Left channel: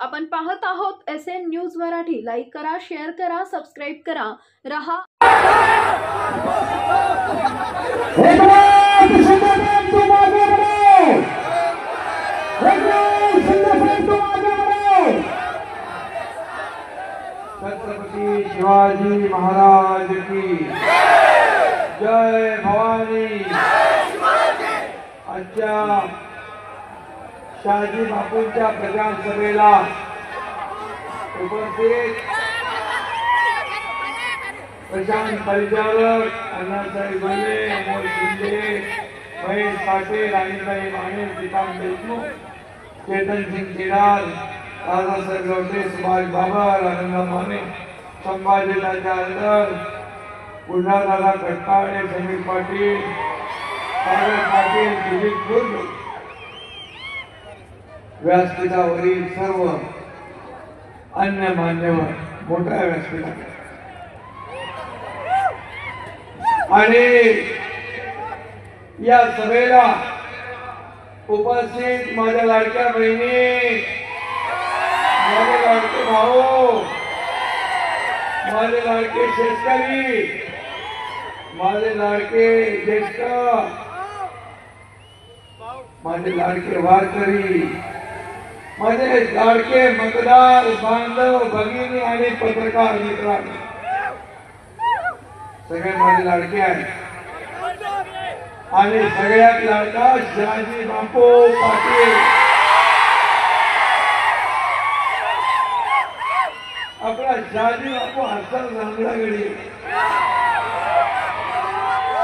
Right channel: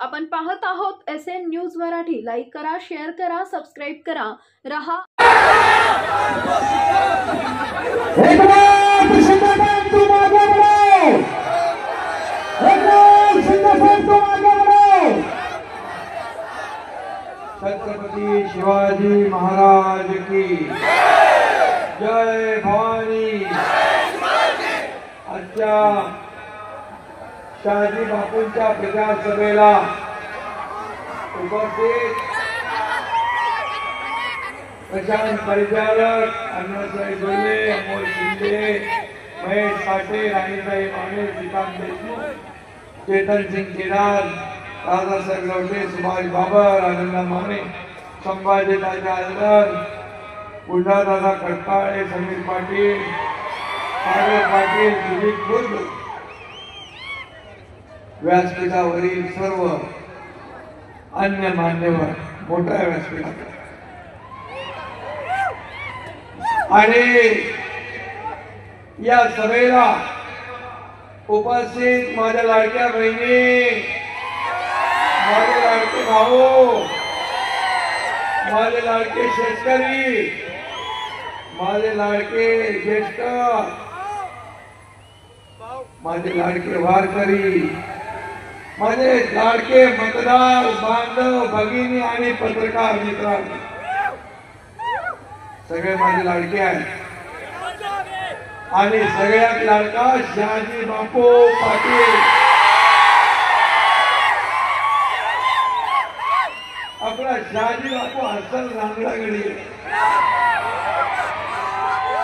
आपण पाहत आहोत SN न्यूज मराठी। लाईक करा, शेअर करा, सबस्क्राईब करा। रहा छत्रपती शिवाजी महाराज की जय भवानी। आजच्या शहाजी बापूंच्या प्रजासभेला उपस्थित प्रशांत परिचारक, अण्णासाहेब बर्वे, अमोल शिंदे, महेश साठे, राणीसाहेब आणे, श्रीकांत देशमुख, चेतन सिंग केदार, दादासाहेब लवटे, सुभाष बाबर, आनंद माने, संभाजी राजा अनवर, गुंडादादा कट्टाळे, समीर पाटील, सागर पाटील, दिलीप दुर्ग, व्यासपीठावरील सर्व अन्य मान्यवर मोठ्या व्यासपीठावर आणि या सभेला उपस्थित माझ्या लाडक्या बहिणी, माझे लाडके भाऊ, माझे लाडके शेतकरी, माझे लाडके ज्येष्ठ, माझे लाडके वारकरी, माझे लाडके मतदार बांधव, भगिनी आणि पत्रकार मित्र, सगळे माझे लाडके आहेत आणि सगळ्यात लाडका शहाजी बापू पाटील। आपला शहाजी बापू हसन रांगडागडी,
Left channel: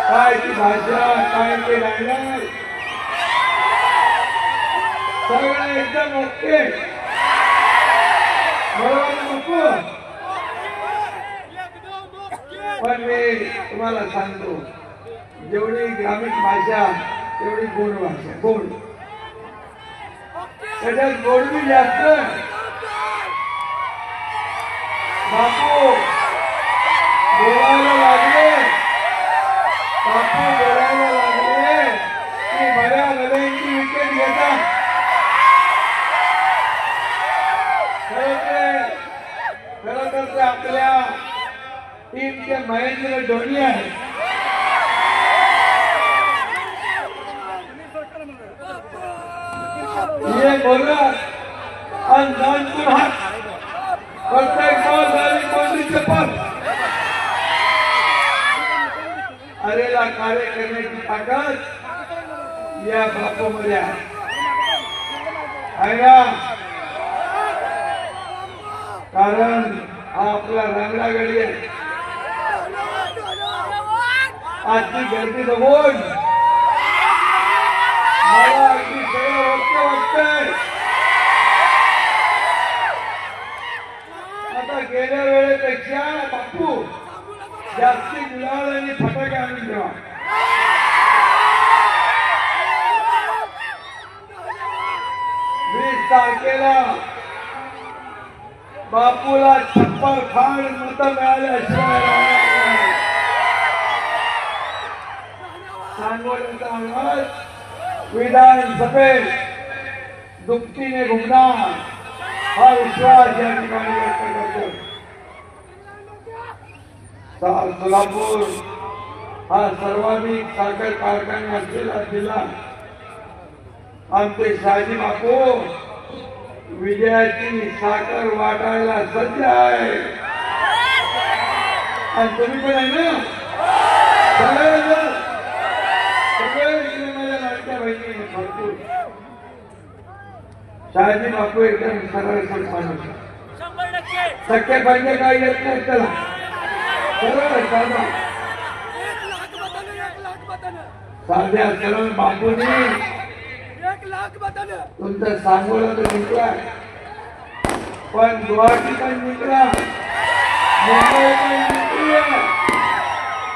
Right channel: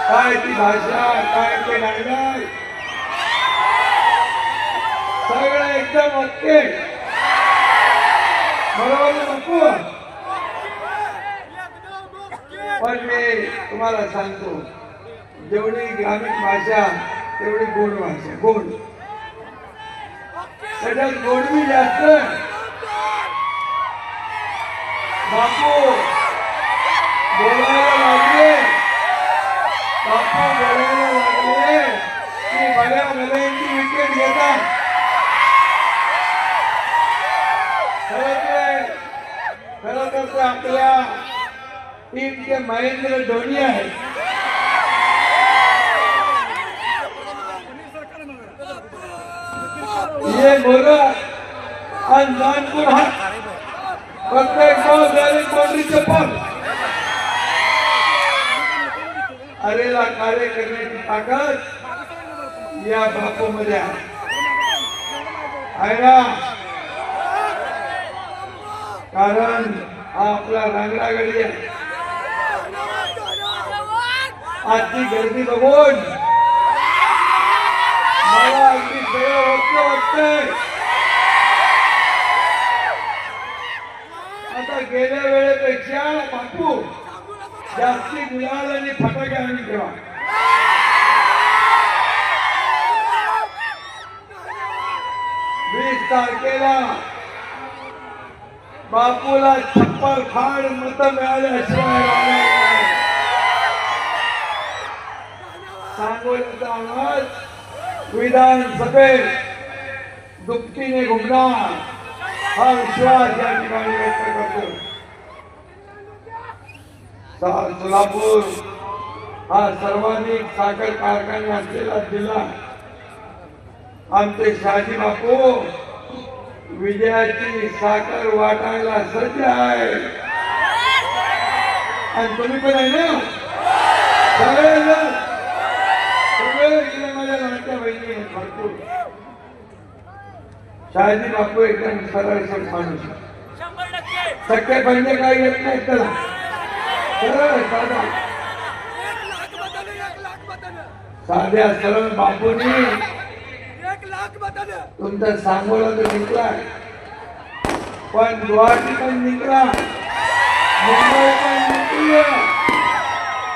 काय ती भाषा, काय ते डायलॉग, सगळं एकदम ओके, बरोबर बापू। पण मी तुम्हाला सांगतो, जेवढी ग्रामीण भाषा तेवढी गोड भाषा, गोड, त्याच्यात गोडवी जास्त। बापू बोलायला लागले, बापू बोलायला लागले की बऱ्या बऱ्यांची विकेट घेतात। खरं तर ते आपल्या टीमचे महेंद्र धोनी आहेत। ये बोला आणि जानपूर हा प्रत्येक बाउंड्रीचे पार अरेला कार्य करण्याची ताकद या बापूमध्ये आहे ना, कारण हा आपला रांगडागडी आहे। आजची गर्दी बघून मला अगदी सगळं वाटतंय। आता गेल्या वेळेपेक्षा बापू जास्ती गुलाल आणि फटाके आणून ठेवा। 20 तारखेला बापूला छप्पर खाड मत मिळाल्याशिवाय सांगोल्याचा आवाज विधानसभेत दुपटीने घुमणार हा विश्वास या ठिकाणी व्यक्त करतो। सोलापूर हा सर्वाधिक साखर कारखाना असलेला जिल्हा, आमचे शहाजी बापू विजयाची साखर वाटायला सज्ज आहे। आणि तुम्ही पण आहे ना, सगळे माझ्या लाडक्या बहिणी भरपूर। शहाजी बापू एकदम सरळ माणूस, टक्के बंद काही येत नाही त्याला, सरळ साधा साध्या सरळ बापूंनी तुमचा सांगोला तर निघलाय, पण गुवाहाटी पण निघला, मुंबई पण निघली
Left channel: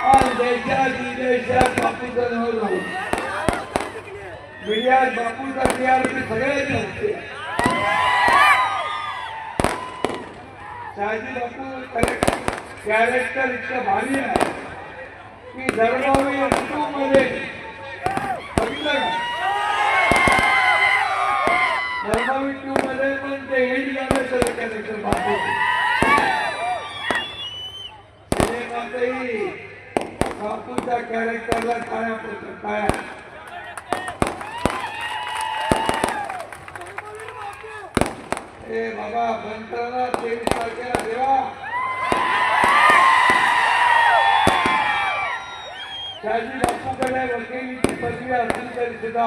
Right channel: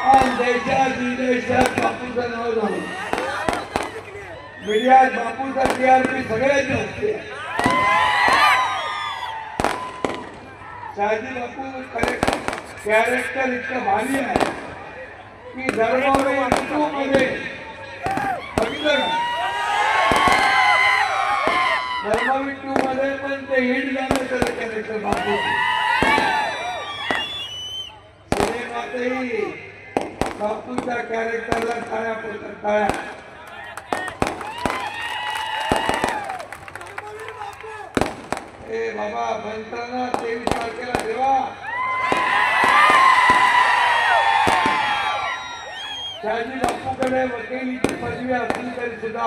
आणि देशात विदेशात बापूचं नाव झालं। मीडियात बापूचा TRP सगळ्यात असते। शहाजी बापू कॅरेक्टर इतकं भारी आहे की धर्मावरी मध्ये धर्मावी 2 मध्ये पण ते हिट त्याचं बापू सिनेमातही बापूच्या कॅरेक्टरला टाळ्या पडतात टाळ्या. ए बाबा बनताना 23 तारखेला ठेवा. शाजी बापूकडे वकिलीची पदवी असली तरी सुद्धा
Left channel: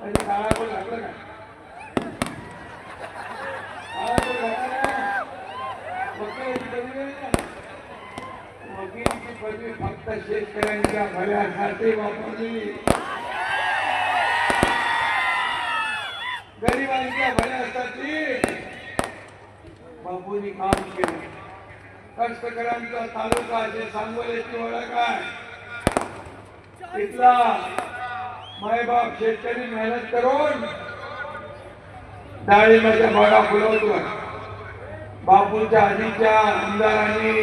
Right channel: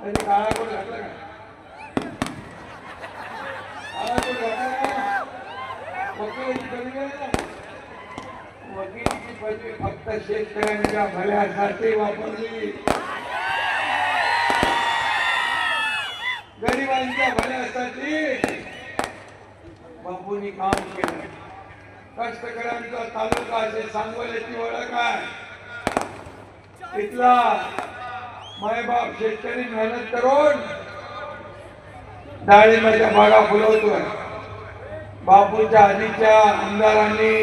त्यांनी काळाकडे घातलं का? वकिलीची पदवी फक्त शेतकऱ्यांच्या भल्यासाठी वापरली, गरिबांच्या भल्यासाठी बापूंनी काम केलं. कष्टकऱ्यांचा तालुका असे सांगोल्याची ओळख आहे. इथला मायबाप शेतकरी मेहनत करून डाळिंबाच्या बागा फुलवतो. बापूच्या आधीच्या आमदारांनी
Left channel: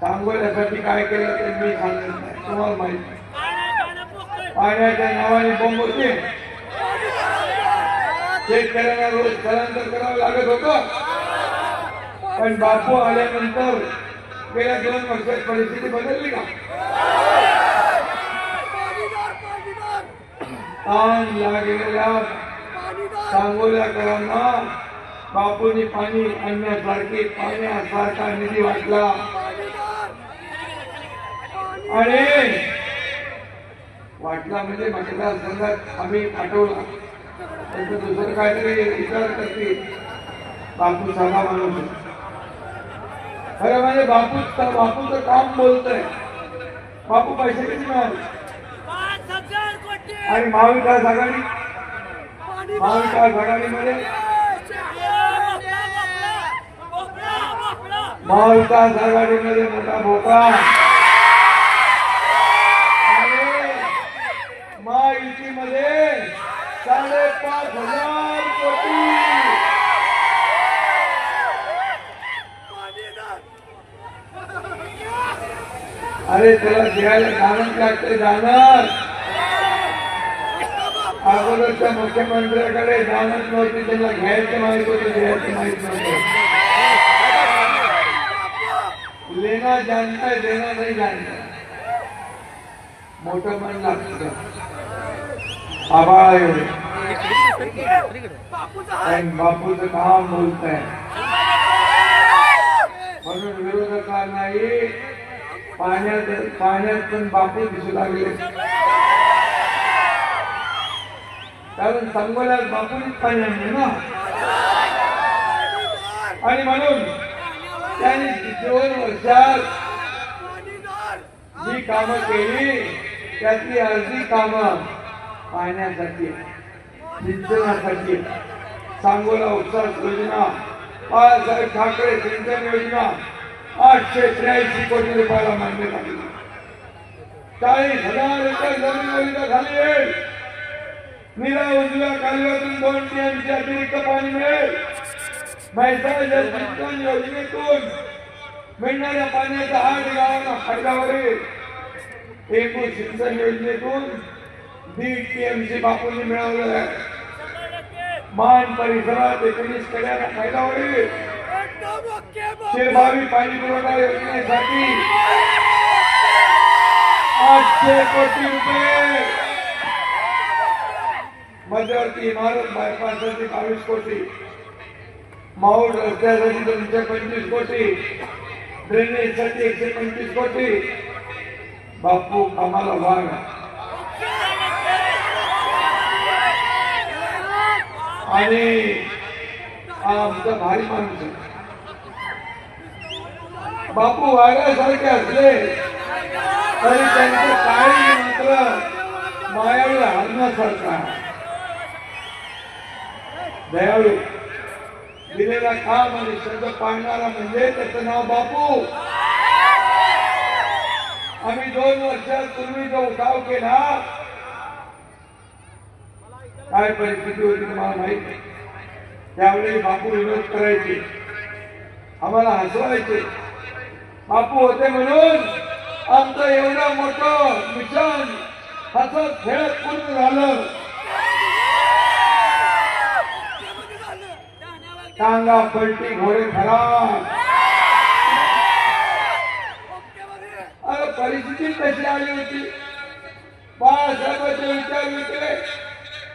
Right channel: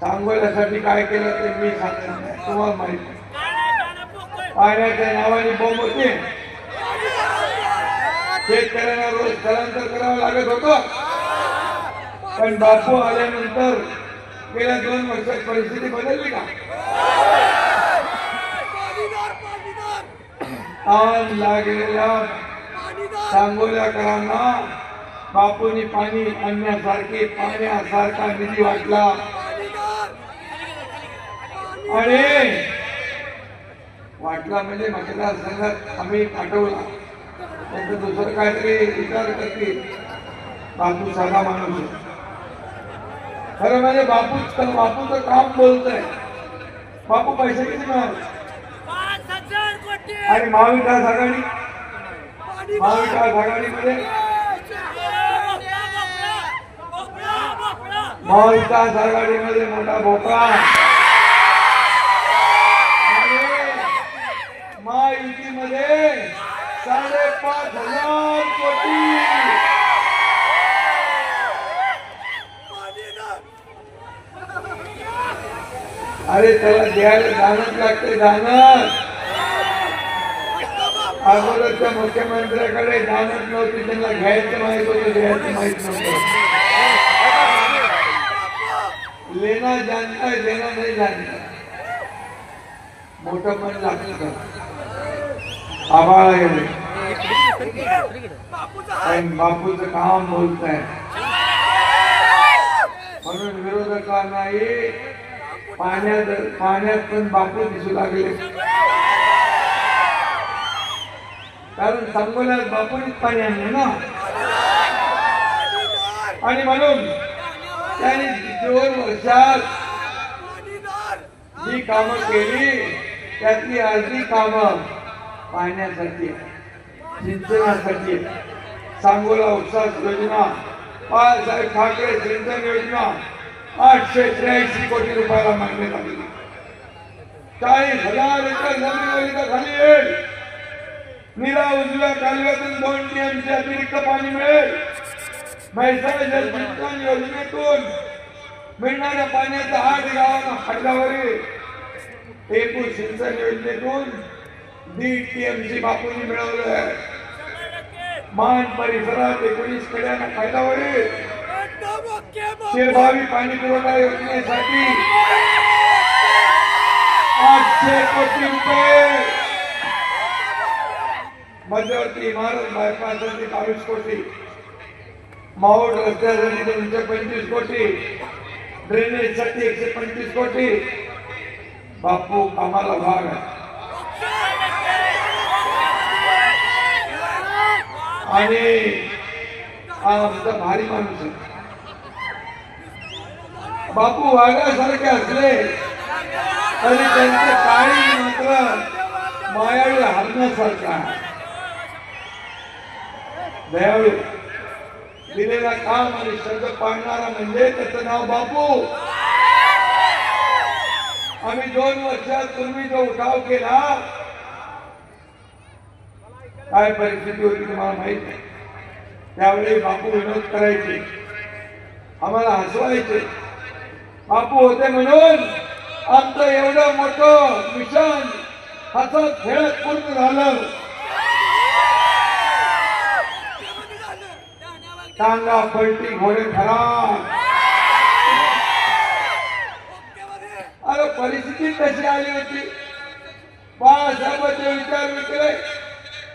सांगोल्यासाठी काय केलं ते मी सांगतो तुम्हाला माहिती. पाण्याच्या नावाने बोंब होते, शेतकऱ्यांना रोज स्थलांतर करावं लागत होतं. पण बापू आल्यानंतर गेल्या 2 वर्षात परिस्थिती बदलली का? ताण लागलेल्या सांगोल्याकरांना बापूंनी पाणी आणण्यासारखी पाण्यासारखा निधी वाटला आणि वाटला म्हणजे मतदारसंघात आम्ही पाठवला. त्यांचं दुसरं काहीतरी विचार करतील. बापू साधा माणूस खरं म्हणजे बापूचं काम बोलतंय. बापू पैसे किती मिळाले आणि महाविकास आघाडीमध्ये मोठा भोका. महायुतीमध्ये 5,500 कोटी. अरे त्याला द्यायला दानच लागते. दानच अगोदरच्या मुख्यमंत्र्याकडे दानच नव्हती. त्यांना घ्यायचं माहित होतं, द्यायचं माहित नव्हतं. लेना जानता है, देना नहीं जानता. मोठं पण लागतं आवाळ एवढे पण बापूचं काम बोलत आहे. म्हणून विरोधकांनाही पाण्यात पण बापू दिसू लागले. कारण सांगोल्यात बापूनीच पाणी आणलं ना. आणि म्हणून त्यांनी 2 वर्षात जी कामं केली त्यातली अर्धी कामं पाहण्यासाठी सिंचनासाठी. सांगोला उपसा योजना, बाळासाहेब ठाकरे सिंचन योजना 883 कोटी रुपयाला मान्यता दिली. 40,000 एकर जमीन खाली येईल. नीला उजव्या कालव्यातून 2 टीएमसी अतिरिक्त पाणी मिळेल. म्हैसाळ जलसिंचन योजनेतून मिळणाऱ्या पाण्याचा 8 गावांना फायदावरील. एकूण सिंचन योजनेतून 1.5 टीएमसी बापूंनी मिळवलं आहे. मान परिसरात 19 कड्यांना फायदा होईल. शेरभावी पाणी पुरवठा योजनेसाठी 800 कोटी रुपये. मध्यवर्ती इमारत बायपाससाठी 22 कोटी. माऊड रस्त्यासाठी 225 कोटी. ड्रेनेजसाठी 125 कोटी. बापू कामाला भाग आणि आमचा भारी माणूस आहे. बापू वाघासारखे असले तरी त्यांचे काळी मात्र मायाळू हरणासारखा. दयाळू, दिलेला काम आणि शब्द पाळणारा म्हणजे त्याचं नाव बापू. आम्ही 2 वर्षापूर्वी जो उठाव केला काय परिस्थिती होती तुम्हाला माहित आहे. त्यावेळी बापू विरोध करायचे, आम्हाला हसवायचे. बापू होते म्हणून आमचं एवढं मोठं मिशन हसत खेळत पूर्ण झालं. टांगा पलटी घोडे खराब. अरे परिस्थिती कशी आली होती. बाळासाहेबांचे विचार विकले.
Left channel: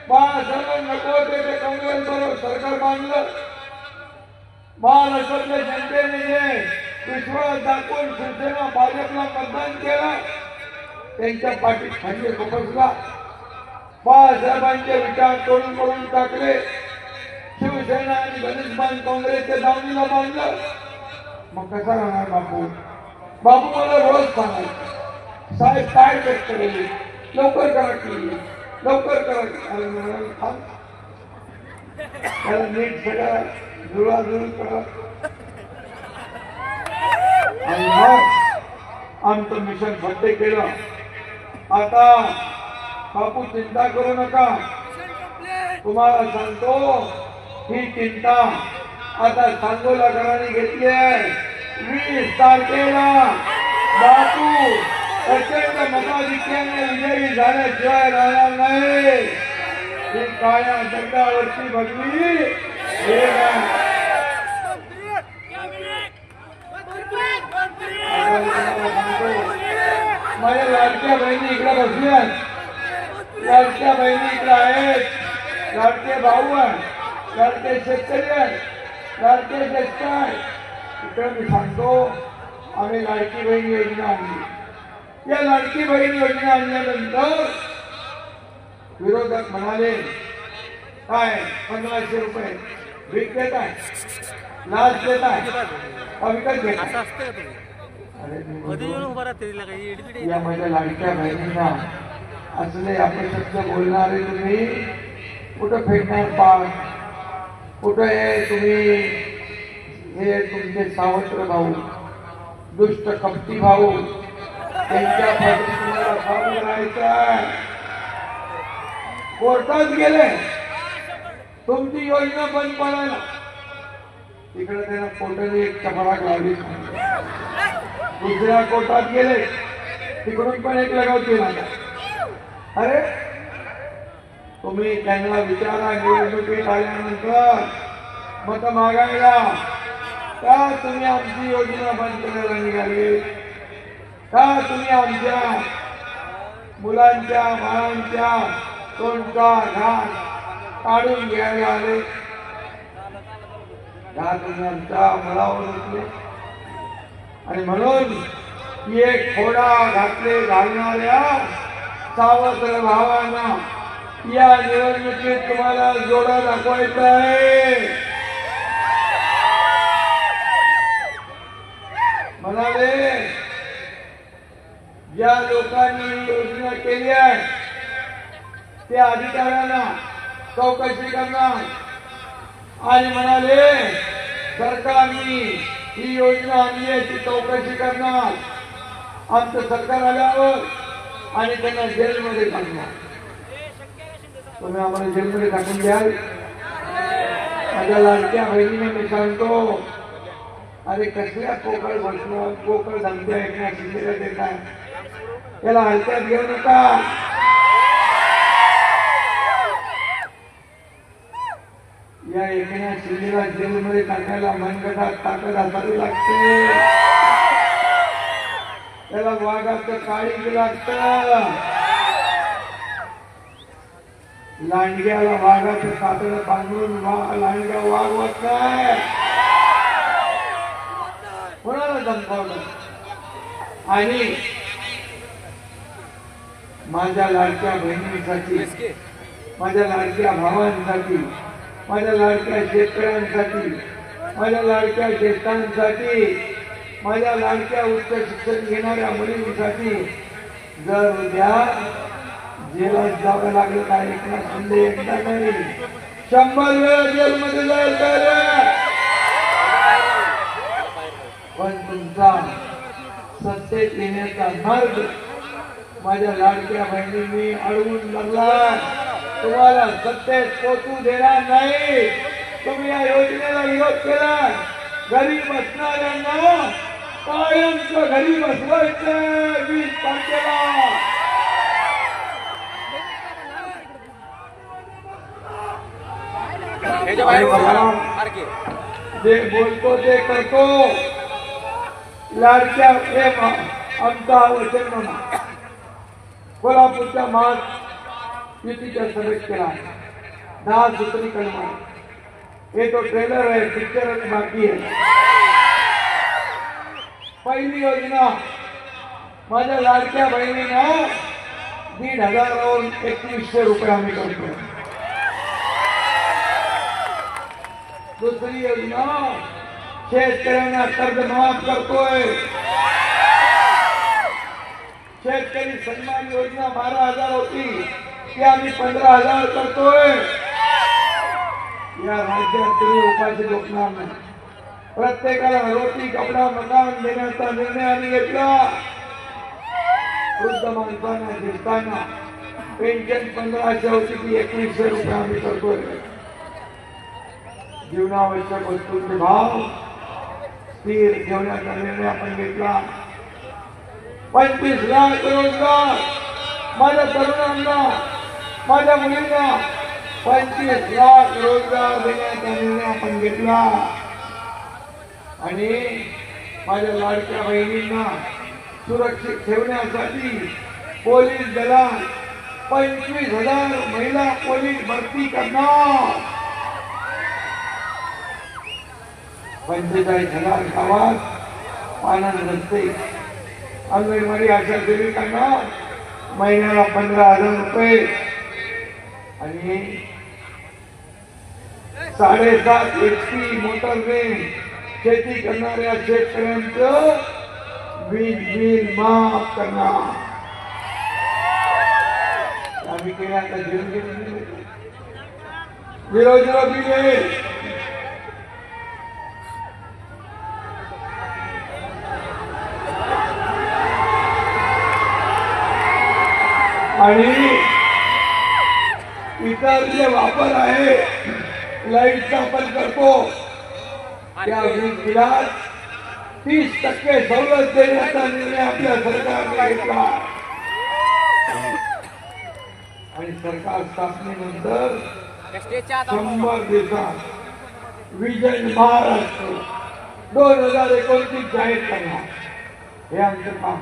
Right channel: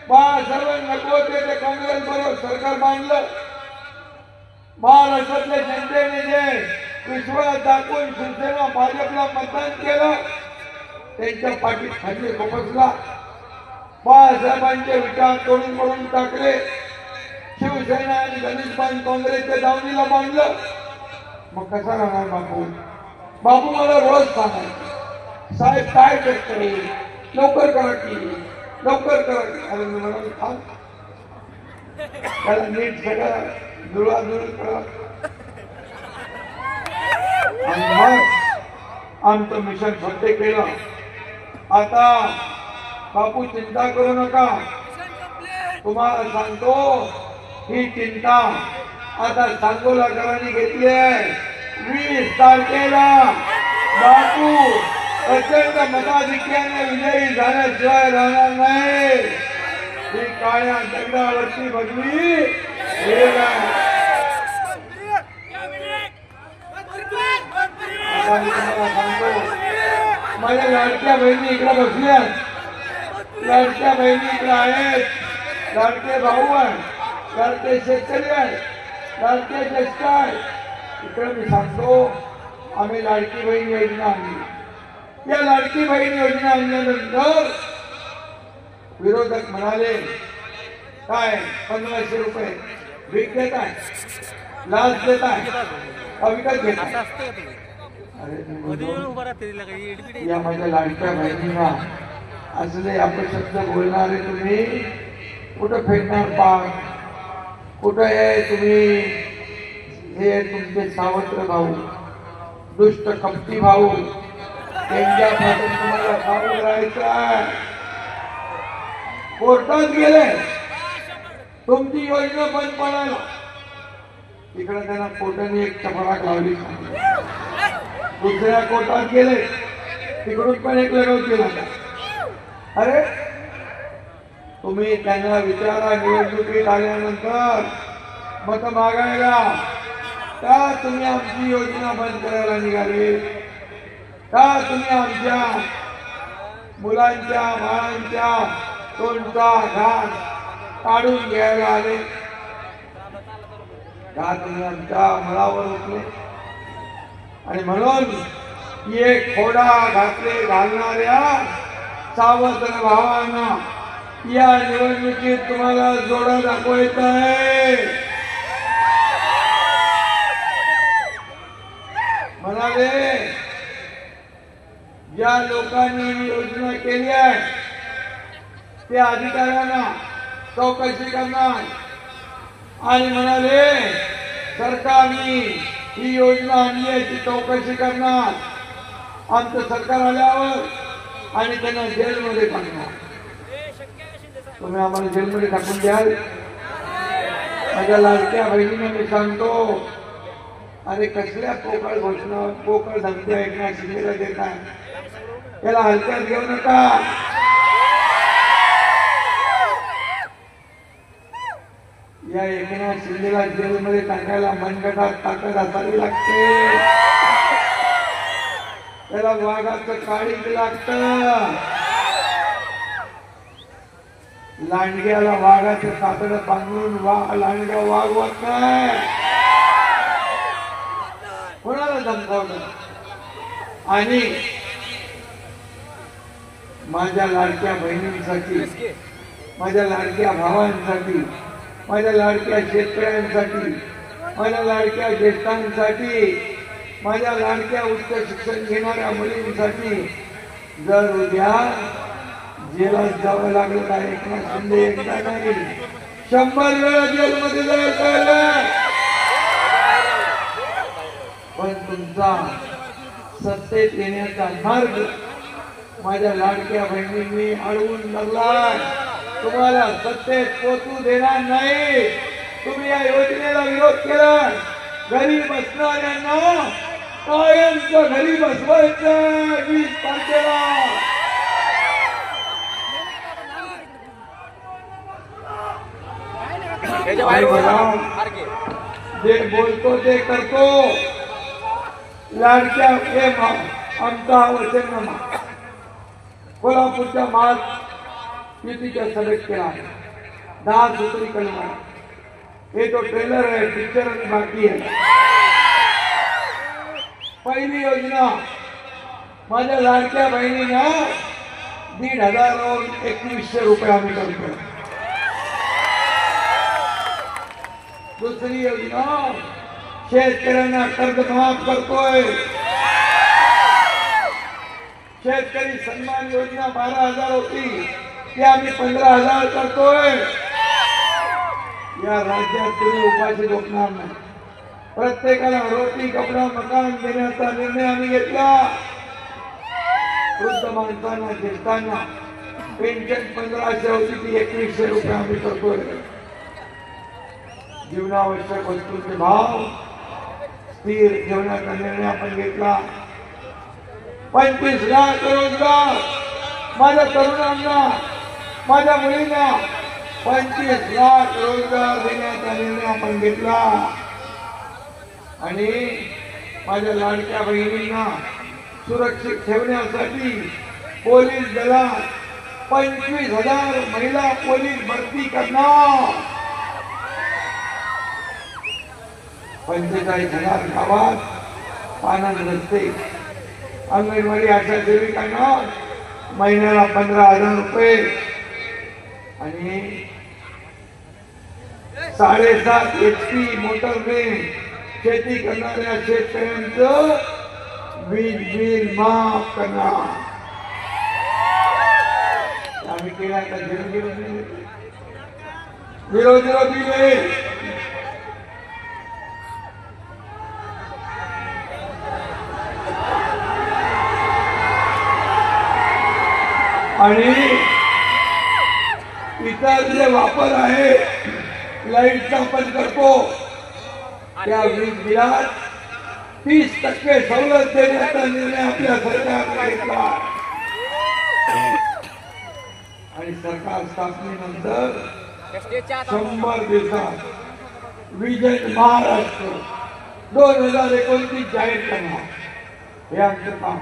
बाळासाहेब नको होते ते काँग्रेस बरोबर सरकार बांधलं. महाराष्ट्रातल्या जनतेने जे विश्वास दाखवून शिवसेना भाजपला मतदान केलं त्यांच्या पाठीत खंजीर खुपसला. बाळासाहेबांचे विचार तोडून टाकले. शिवसेना आणि धनुष्यबाण काँग्रेसच्या दावणीला बांधलं. मग कसा राहणार बापू. बापू मला रोज सांगायचे साहेब काय करते लवकर करा की लवकर करा की. त्याला नीट सगळं जुळाजुळ करा. आणि मग आमचं मिशन सत्य केलं. आता बापू चिंता करू नका. तुम्हाला सांगतो ही चिंता आता सांगोलाकरांनी घेतली आहे. 20 तारखेला बापू प्रचंड मताधिक्याने विजयी झाल्याशिवाय राहणार नाही. ही काळ्या दगडावरची बदली माझ्या लाडक्या बहिणी इकडे बसल्या. लाडक्या बहिणी इकडे आहेत. लाडके भाऊ आहे. लाडके शेतकरी आहे. लाडके ज्येष्ठ आहे. इकडे मी सांगतो आम्ही लाडकी बहीण योजना आणली. या लाडकी बहीण योजना आणल्यानंतर विरोधक म्हणाले काय 1500 रुपये भीक देत आहे, लाच देत आहे, विकत घेत. या माझ्या लाडक्या बहिणींना असले आपले शब्द बोलणारे तुम्ही कुठं फेडणार पाय. कुठं आहे तुम्ही हे तुमचे सावत्र भाऊ दुष्ट कपटी भाऊ त्यांच्या तुम्हाला फार राहायचं. कोर्टात गेले तुमची योजना बंद पडायला. तिकडे त्यांना कोर्टाने एक चपराक लावली. दुसऱ्या कोर्टात गेले तिकडून पण एक लगाव केला. अरे तुम्ही त्यांना विचारा निवडणुकीत आल्यानंतर मत मागायला का तुम्ही आमची योजना बंद करायला निघाले. का तुम्ही आमच्या मुलांच्या बाळांच्या तोंडचा घास काढून घ्यायला आले. घातुनांच्या मलावर उठले आणि म्हणून एक खोडा घातले घालणाऱ्या सावत्र भावांना या निवडणुकीत तुम्हाला जोडा दाखवायचा आहे. म्हणाले ज्या लोकांनी योजना केली आहे त्या अधिकाऱ्यांना चौकशी करणार आणि म्हणाले सरकारने ही योजना आणली आहे ती चौकशी करणार. आमचं सरकार आल्यावर आणि त्यांना जेलमध्ये टाकणार. तुम्ही आम्हाला जेलमध्ये टाकून द्याल. माझ्या लाडक्या बहिणीने मी सांगतो अरे कसल्या पोकळ घोषणा पोकळ धमकी ऐकण्या शिंदेला देताय. त्याला हलक्यात घेऊ नका. या एकनाथ शिंदेला जेलमध्ये टाकायला मनगटात ताकद असावी लागते. त्याला वाघाचं काळीज लागतं. लांडग्याला वाघाचं कातड बांधून लांडगा वागवत नाही. कोणाला धमकावलं. आणि माझ्या लाडक्या बहिणींसाठी माझ्या लाडक्या भावांसाठी माझ्या लाडक्या शेतकऱ्यांसाठी माझ्या लाडक्या ज्येष्ठांसाठी माझ्या लाडक्या उच्च शिक्षण घेणाऱ्या मुलींसाठी जर उद्या जेलात जावं लागलं तर एकनाथ शिंदे एकदा नाही 100 वेळा जेलमध्ये जायचं. पण तुमचा सत्तेत येण्याचा मार्ग माझ्या लाडक्या बहिणींनी अडवून धरला. तुम्हाला सत्तेत पोचू देणार नाही. तुम्ही या योजनेला विरोध केला. घरी बसणाऱ्यांना कायमचं घरी बसवायचं. 20 तारखेला जे बोलतो ते करतो. लाडक्या आमचा वचन कोल्हापूरच्या महायुतीच्या सभेत केला. 10 सूत्रीकरण हे तो ट्रेलर आहे, पिक्चर बाकी आहे. पहिली योजना माझ्या लाडक्या बहिणींना 1,500 वरून 2100 रुपये आम्ही करतो. दुसरी योजना शेतकऱ्यांना कर्ज माफ करतोय. शेतकरी सन्मान योजना 12,000 होती ती आम्ही 15,000 करतोय. या राज्यात तुम्ही उपाशी झोपणार नाही. प्रत्येकाला रोटी कपडा मकान देण्याचा निर्णय आम्ही घेतला. वृद्ध माणसांना घेताना पेन्शन 1500 होती ती 2100 रुपये आम्ही करतोय. जीवनावश्यक वस्तूंचे भाव स्थिर ठेवण्याचा निर्णय आपण घेतला. 25 लाख रोजगार माझ्या तरुणांना माझ्या मुलींना 25 लाख रोजगार देण्याचा निर्णय आपण घेतला. आणि माझ्या लाडक्या बहिणींना सुरक्षित ठेवण्यासाठी पोलीस दलात 25,000 महिला पोलीस भरती करणार. 45,000 गावात पाण्यात रस्ते. अंगणवाडी आशा सेविकांना महिन्याला 15,000 रुपये आणि 7.5 HP मोटरने शेती करणाऱ्या शेतकऱ्यांचं वीज बिल माफ करणार आम्ही केलं. आता 0 दिले. आणि इतर जे वापर आहे लाईटचा पण करतो त्या वीज बिलात 30% सवलत देण्याचा निर्णय आपल्या सरकारने घेतला. आणि सरकार स्थापनेनंतर 100 दिवसात विजन महाराष्ट्र 2029 जाहीर करणार. हे आमचं काम,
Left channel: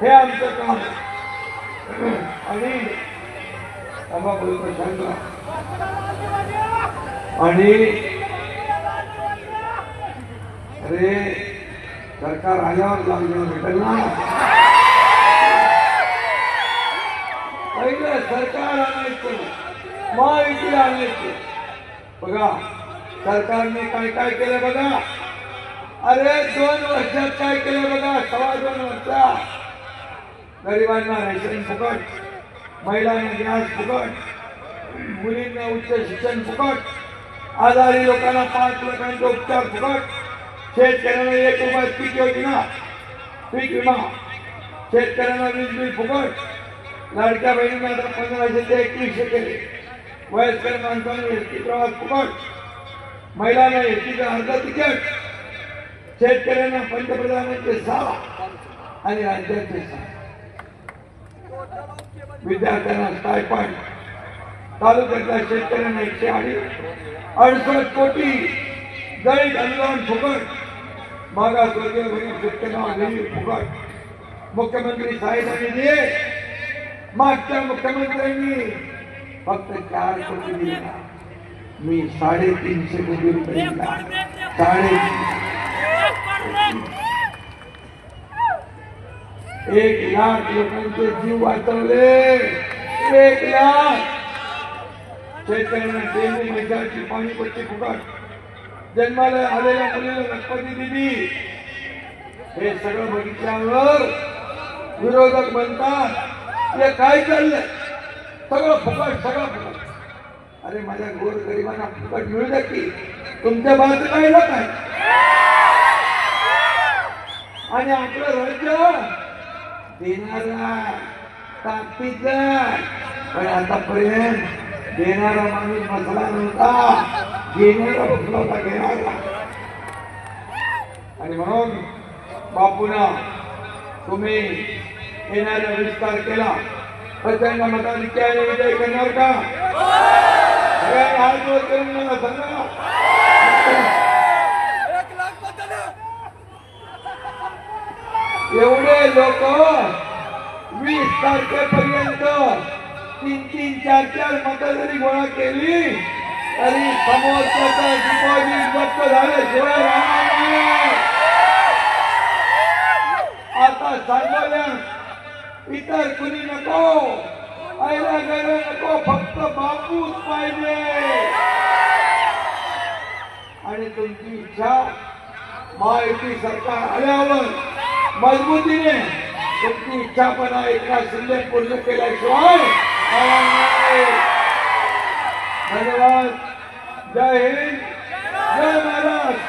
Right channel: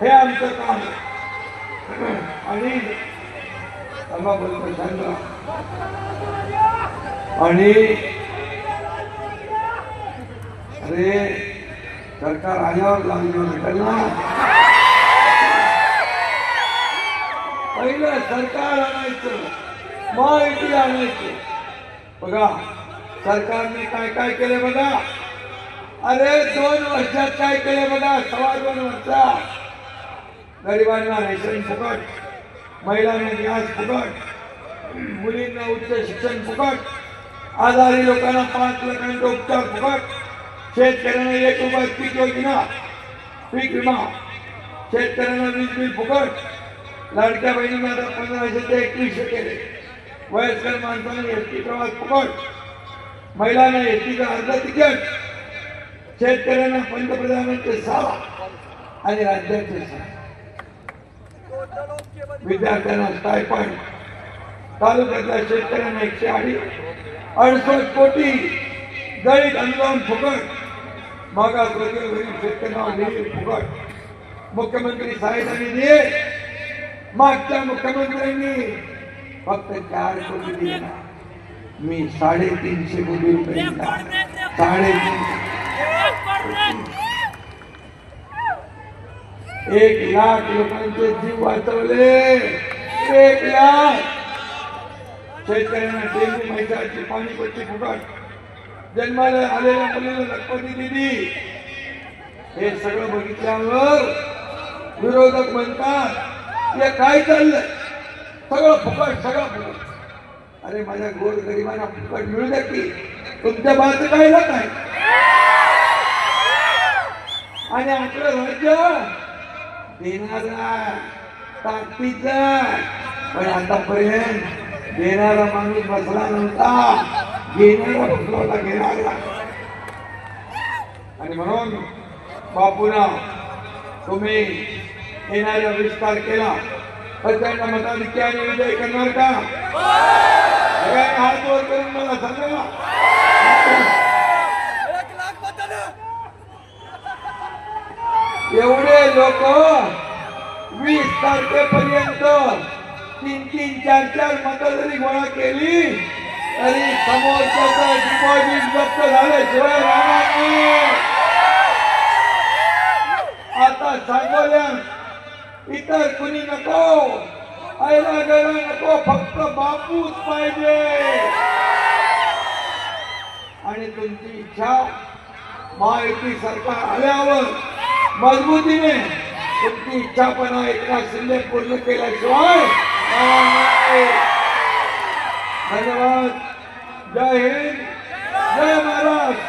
हे आमचं काम. आणि बोलतो शांत. आणि अरे सरकार आल्यावर लागलं भेटेल ना. पहिलं सरकार आणायचं, महायुती आणायचं. बघा सरकारने काय काय केलं बघा. अरे 2 वर्षात काय केलं बघा. 2.25 वर्षात गरिबांना रेशन फुकट, महिलांना गॅस फुकट, मुलींना उच्च शिक्षण फुकट, आजारी लोकांना 5 लाखांचा उपचार फुकट, शेतकऱ्यांना 1 रुपयात पीक योजना, पीक विमा, शेतकऱ्यांना वीज बिल फुकट, लाडक्या बहिणींना 1500 ते 2100 केले, वयस्कर माणसांना एसटी प्रवास फुकट, महिलांना एसटीचं अर्ध तिकीट, शेतकऱ्यांना पंतप्रधानांचे 6 आणि राज्याचे 6, विद्यार्थ्यांना स्टायफंड, तालुक्यातल्या शेतकऱ्यांना 168 कोटी दैनिक अनुदान फुकट, मागासवर्गीय गरीब शेतकऱ्यांना निधी फुकट, मुख्यमंत्री सहायता निधी मागच्या मुख्यमंत्र्यांनी फक्त 4 कोटी दिला. मी 350 कोटी रुपये दिला. 1 लाख लोकांचे जीव वाचवले. 1 लाख. शेतकऱ्यांना डेंग्यू मच्छराची पाणीपट्टी फुकट, जन्माला आलेल्या मुलाला रक्तदी दिली. हे सगळं बघितल्यावर विरोधक म्हणतात हे काय चाललंय, सगळं फुकट, सगळं फुकट. अरे माझ्या गोर गरिबांना फुकट मिळू द्या की, तुमच्या बाजू काय नाही. आणि आपलं राज्य देणारा ताकदीचा, पण आतापर्यंत देणारा माणूस बसला नव्हता, घेणारा फुकवता घेणारा. आणि म्हणून बापूना तुम्ही येणारा विस्तार केला तर त्यांना मताधिक्याने विजय करणार का? हात वर करून मला सांगा. हे लोक 20 तारखेपर्यंत 3-3, 4-4 मतं जरी गोळा केली तरी समोरच्याचा डिपॉझिट जप्त झाल्याशिवाय राहणार नाही. आता सांगोल्यात इतर कुणी नको, आयला घर नको, फक्त बापूच पाहिजे. आणि तुमची इच्छा महायुती सरकार आल्यावर मजबूतीने तुमची इच्छा पण एकनाथ शिंदे पूर्ण केल्याशिवाय धन्यवाद. जय हिंद, जय महाराष्ट्र.